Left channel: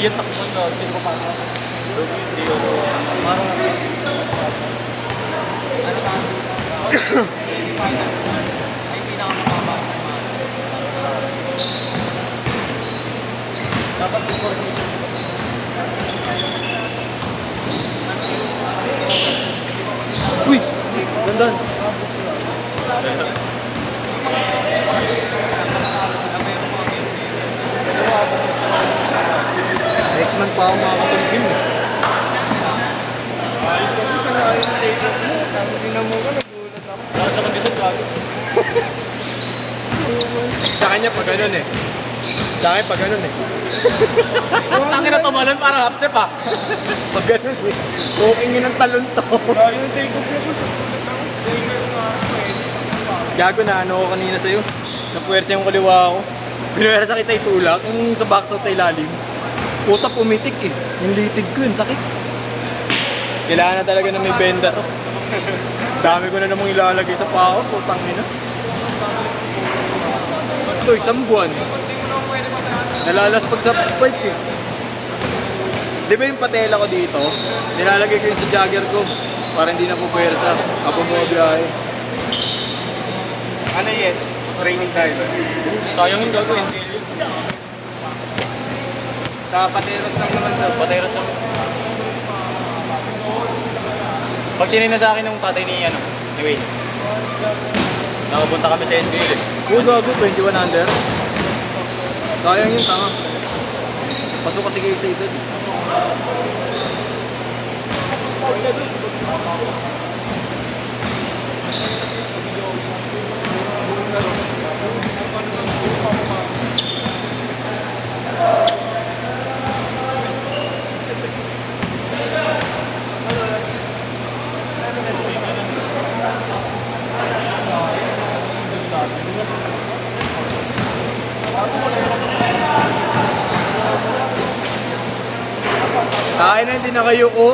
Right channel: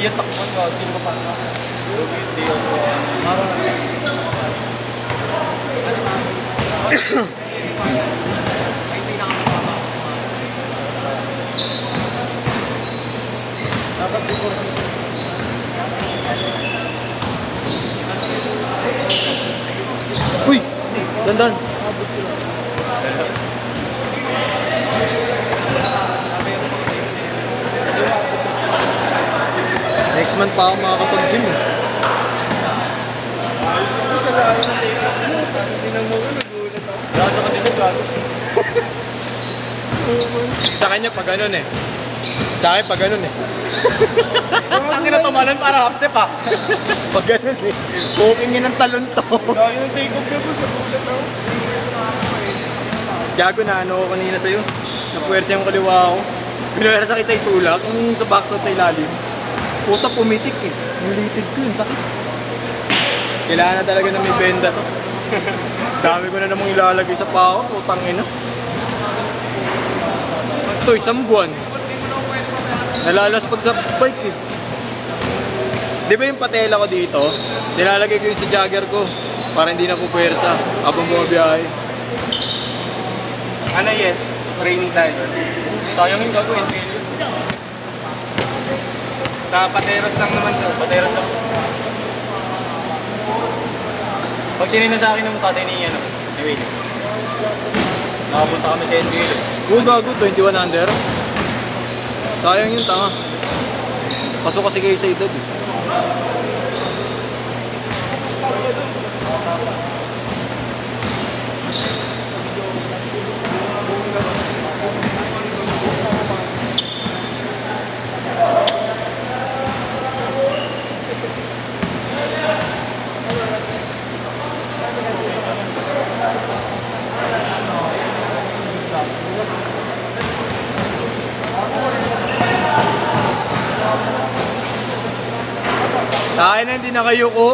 Iya takpan ka, sino ka pa? Hindi ako. Dapat before. Uy! Dandan! Next month pa ako makakapag-gym eh. Gawin sa kandisip, gago. Sa kanya pag ganun eh. Sa akin pag ganun eh. Tangin na tumalon para half step ah. Pag ganun eh. Cooking yun ang talon to. Gago na ano ko kanina sa'yo. Napuwersa yung kaliwa ko. Pinuwersa kita itulak. Yung sa backside sa ilalim. Puta pumitik eh. Yung litid ko yun. Sakit. Kailangan na talaga na may benda to. Dami ko na namang ilalagay sa pao. Putang ina. Ito, isang buwan. Nalalas pag sa bike eh. Di ba yung patela ko dito? Nilalagay ko yung sa jogger ko. Para hindi na pupuwersa. Habang bumabiyahe. Ano yan? Training tayo. Sayang yung gagawin, failure. Sa pateras lang naman to. Pateras lang. Pag sinina sa akin ng tatay ni si Wayne. Nakapunta kami sa NBL. Oo, gago, 21 under. Sayang yun, tama. Pasok kasi kayo sa edad. Kain na, hindi na kayo ko.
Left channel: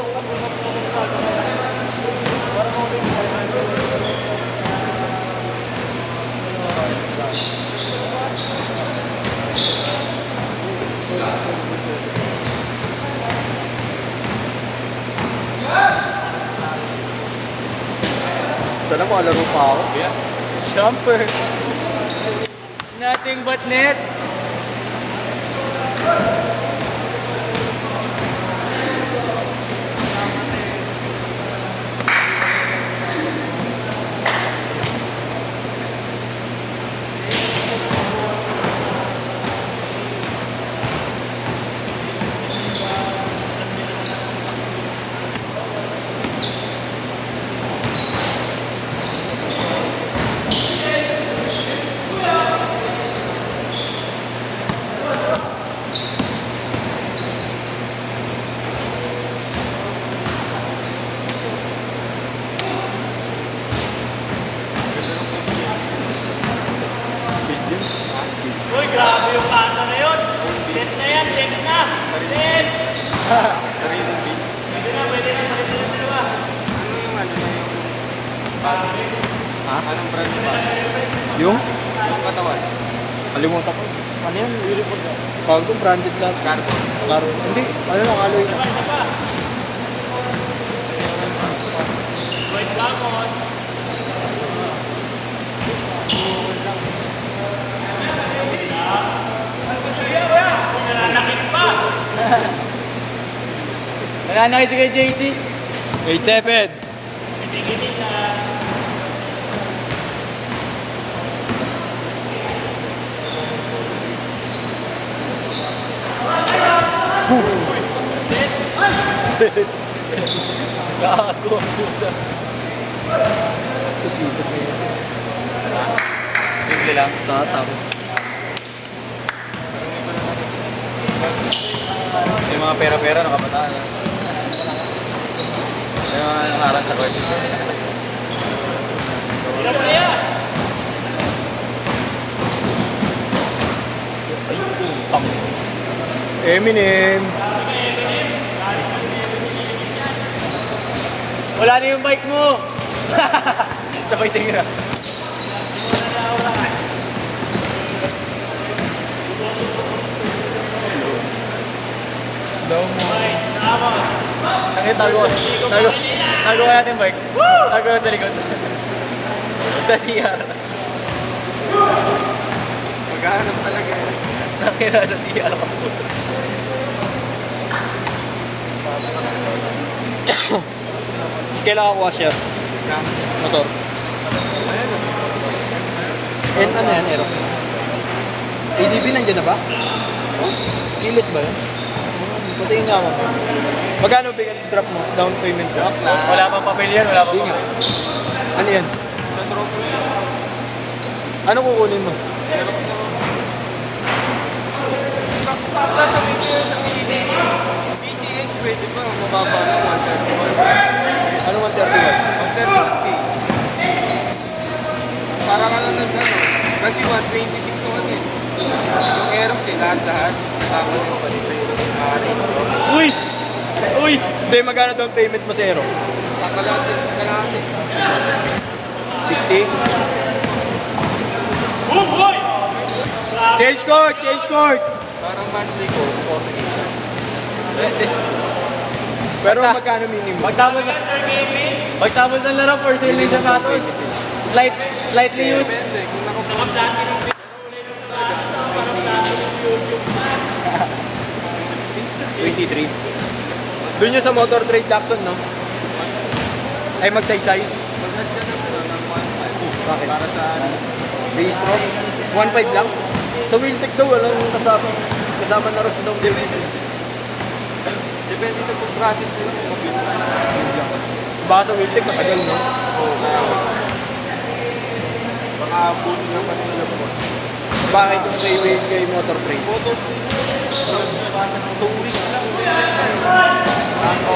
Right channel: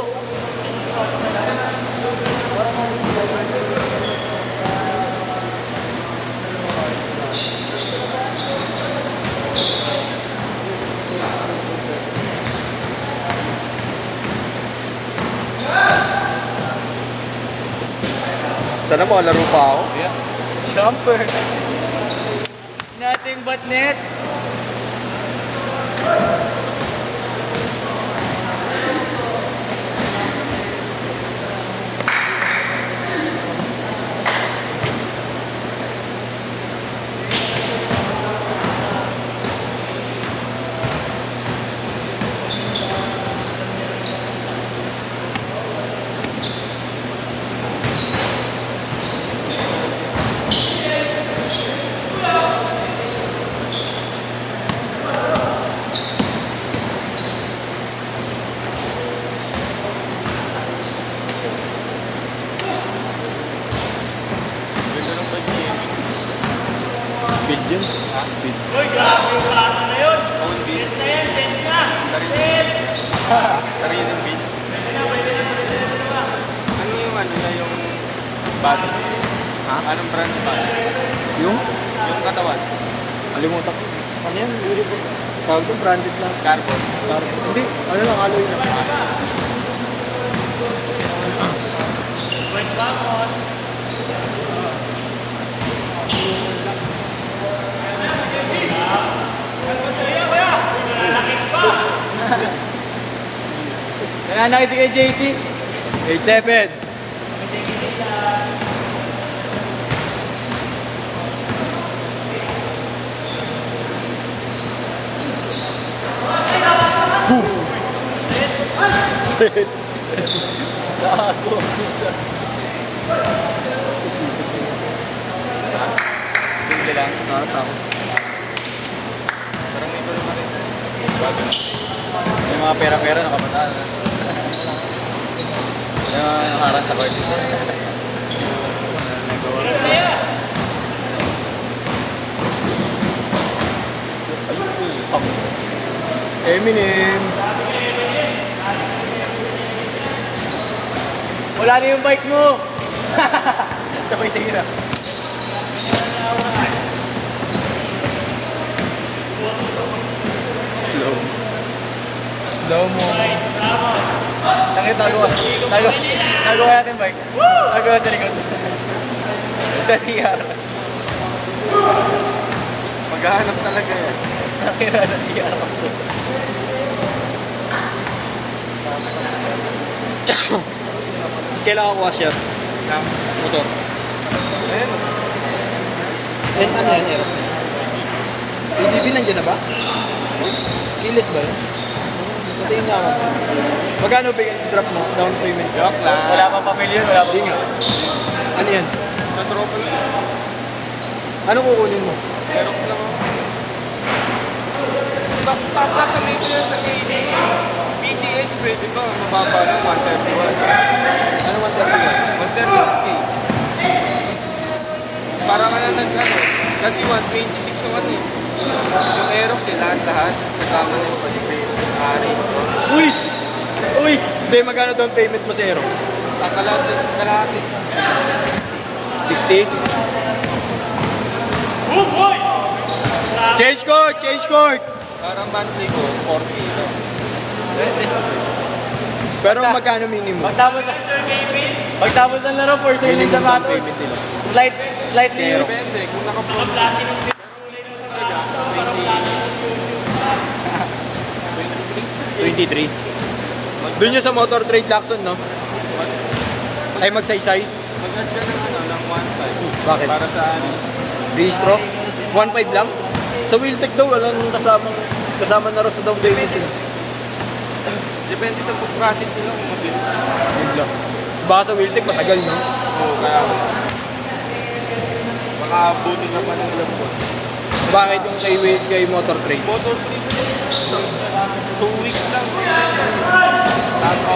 Sana makalaro pa ako. Yeah. Jumper. Nothing but nets. Big din. Uy, grabe yung kasa na yun. Set na yan, set na. Set. Sariling beat. Ano yung ano niya yung bago? Ha? Anong brand ba? Yung? Yung katawan. Nalimutan ko. Ano yan? Beautiful. Tawag doon, branded na. Carbon. Carbon. Hindi. Ano lang, alloy na. Wait, vamos. Nananakit si kay JC. 87. Gago. Simple lang. May mga pera-pera nakabataan. Yung mga harang sa court. Eminem. Wala na yung bike mo. Sabay tingin na. Down mo. Tangin, tago natin, Mark. Tago sa likod. Sa CR. Maghahanap talaga eh. Tangin na sa CR. Kailangan ko washer. Motor. And ano yan, Aerox? ADB nandiyan na ba? Keyless ba yun? Patingin nga ako. Magkano ba yung drop mo? Down payment drop? Wala pang papel yan, wala pang papel. Ano yan? Ano kukunin mo? Tapos sa video sa PCH, pwede pa. Mababa na, 131. Ano 131? 131. Para ka na nag-ano. Kasi 126 yung ano eh. Yung Aerox eh, lahat. Kasama mo pa dito yung Ares. Uy! Uy! Hindi, magkano down payment mo sa Aerox? Kalahati. 60? Change court! Change court! Parang monthly ko, 40. Pero magkano minimum? Pagtapos ng laro, for sale yung sapatos. Slightly used. Depende. Kung nakapagod. 23. Doon yun sa Motor Trade Jackson, no? Ay, magsaysay. Bakit? Para sa Registro? 1.5 lang? Sa Wheeltech daw, walang kasama na rin sa down payment. depende sa process nila. Baka sa Wheeltech, matagal na. Baka buto na lang. Bakit yung kay Motor Trade? 2 weeks lang.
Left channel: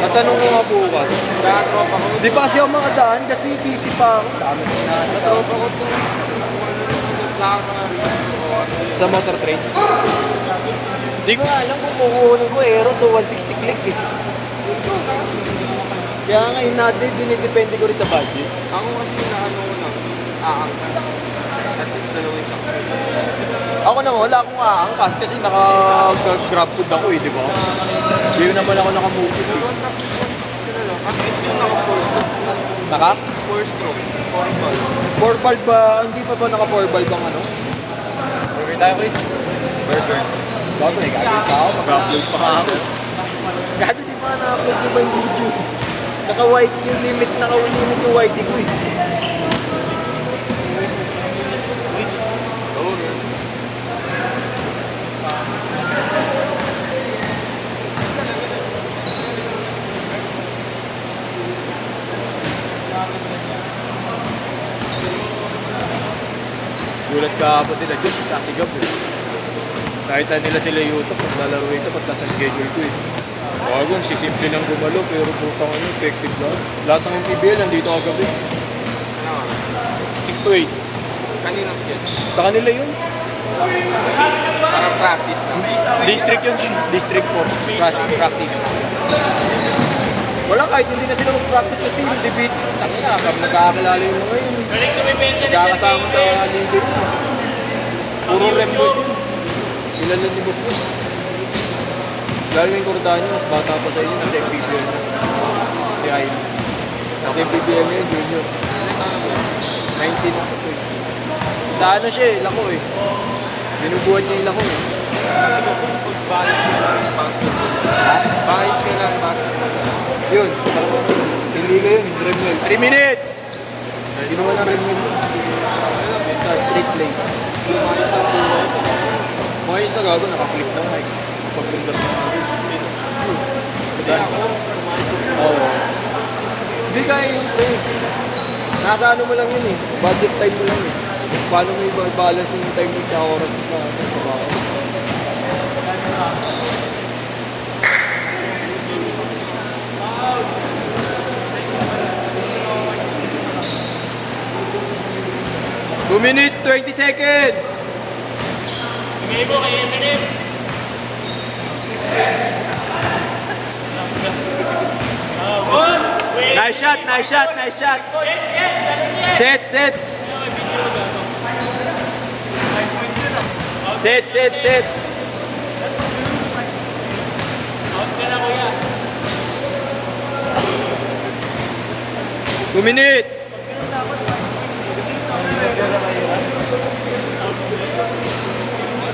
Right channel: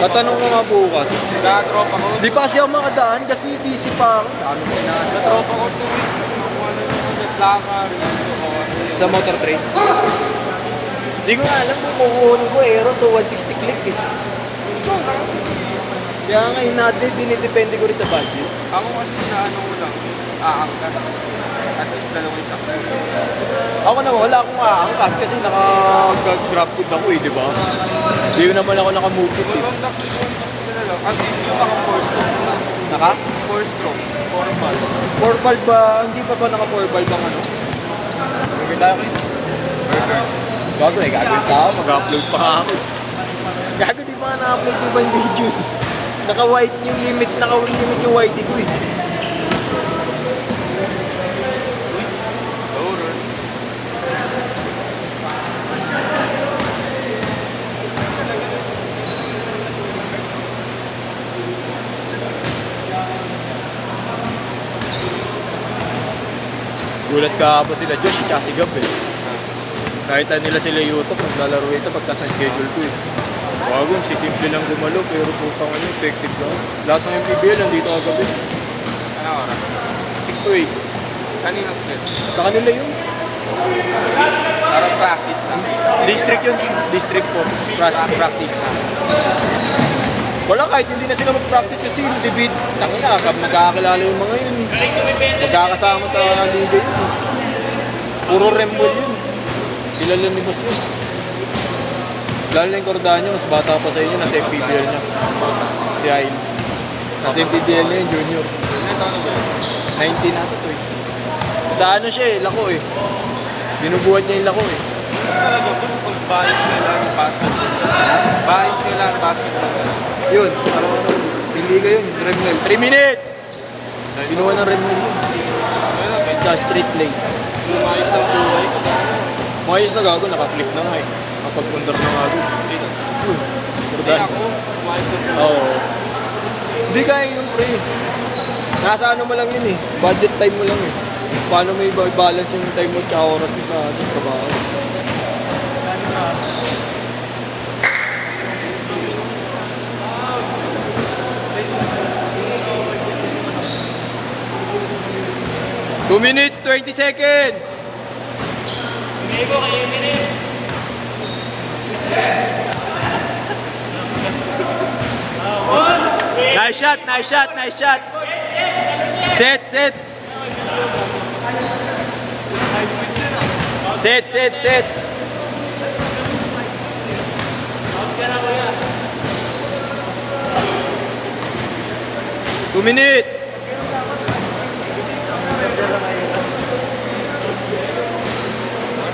Matanong ko nga bukas. Nakatropa ko. Di pa kasi ako makadaan kasi busy pa ako. Dami ko inaasikaw. Nakatropa ko 2 weeks lang. Kung ano lang ako naglakar. Sa Motor Trade. Hindi ko nga alam kung kukunin ko Aero so 160 click eh. Kaya nga yun natin, dinidepende ko rin sa budget. Ako kasi na ano ko lang. Aangkas. At least dalawang isang. Ako naman, wala akong aangkas kasi naka-grab food ako eh, di ba? Hindi ko naman ako nakabutit eh. At least yung 4 stroke lang. Naka? 4 stroke. 4 ball. 4 valve ba? Hindi pa ba naka 4 valve ang ano? Burger tayo, Chris. Burgers. Gago eh, gagawin pa ako. Mag-upload pa ako. Gago di ba na-upload yung ba yung video? Naka-white yung limit, naka-limit yung white ko eh. Lower. Gulat ka pa sila dyan, kasi gab eh. Kahit nila sila YouTube, naglalaro ito pagka sa schedule ko eh. Bago, sisimple lang gumalo, pero putang ano, effective lang. Lahat ng MPBL nandito kagabi. Ano? 6 to 8. Kaninang split. Sa kanila yun. Para practice lang. District yun. District 4. Practice. Wala, kahit hindi na sila mag-practice kasi yung debate. Nagkakakilala yung mga yun. Magkakasama sa liga yun. Puro rembol yun. Kilala ni Boss yun. Lalo na yung Cordano, mas bata pa sa inyo, nasa MPBL na. Si Ayn. Nasa MPBL na yun, junior. 19 na. Sa ano siya eh, lako eh. Binubuhat niya yung lako eh. Balance ka lang, basketball. Ha? Balance ka lang, basketball. Yun, parang pili ka yun, Remnel. 3 minutes! Ginawa ng Remnel yun. Sa straight lane. Mayos na gago, naka-flip na nga eh. Nakapag-under na gago. Diba? Oo. Hindi kaya yun eh. Nasa ano mo lang yun eh. Budget time mo lang eh. Paano mo i-balance yung time mo at oras mo sa ating trabaho. Two minutes, 20 seconds! Nice shot, nice shot, nice shot! Set, set! Set, set, set! 2 minutes!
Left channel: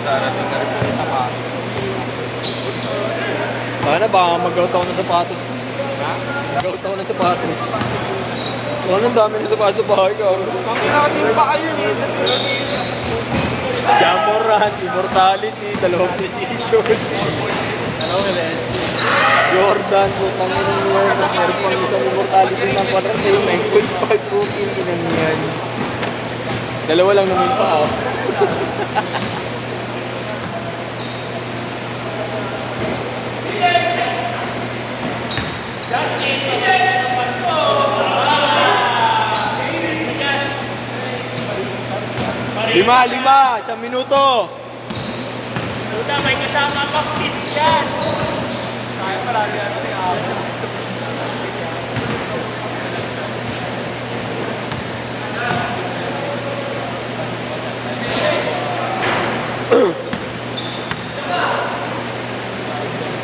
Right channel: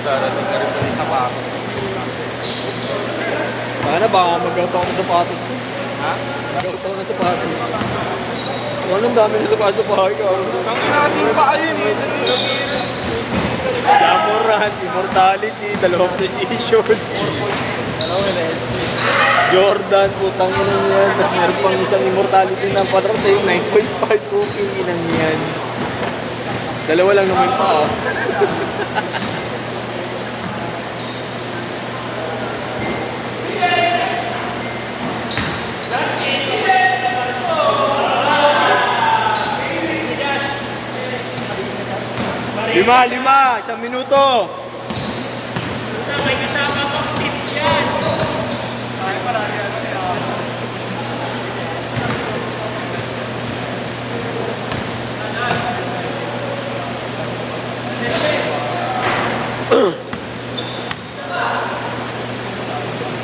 Darating na rin yung sapatos. Ano, baka mag-out ako ng sapatos ko. Ha? Mag-out ako ng sapatos. Wala nang dami ng sapatos sa bahay ko. Ang natin pa ayun eh. Jamoran, Immortality, 2 precision. Jordan, putang ina niya. Mas meron pang isang Immortality ng parating. 9.5 puting inan yan. Dalawa lang naman pa, oh. Lima, 1 minuto. May kasama pang pit yan.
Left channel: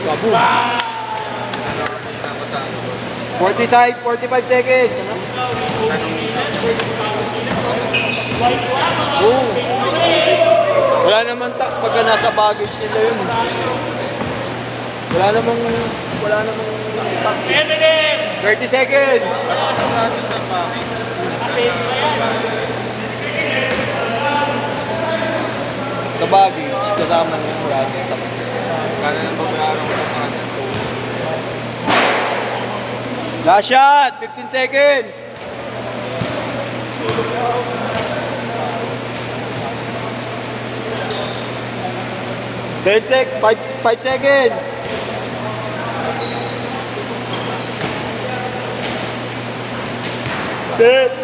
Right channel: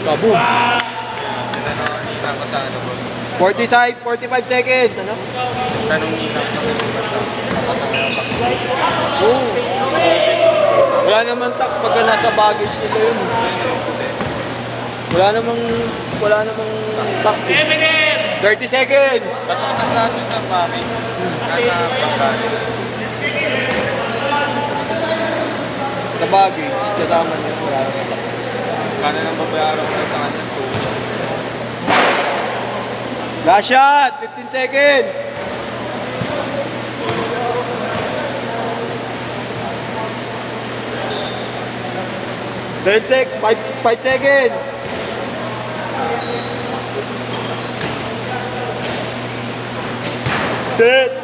Kaboom. 45 seconds. Oh. Wala naman tax pagka nasa baggage nila yun. Wala namang tax. 30 seconds. Sa baggage, kasama na wala namang tax. Kano nang babayaran ko sa kanya? Last shot, 15 seconds. Third 5 seconds. Set.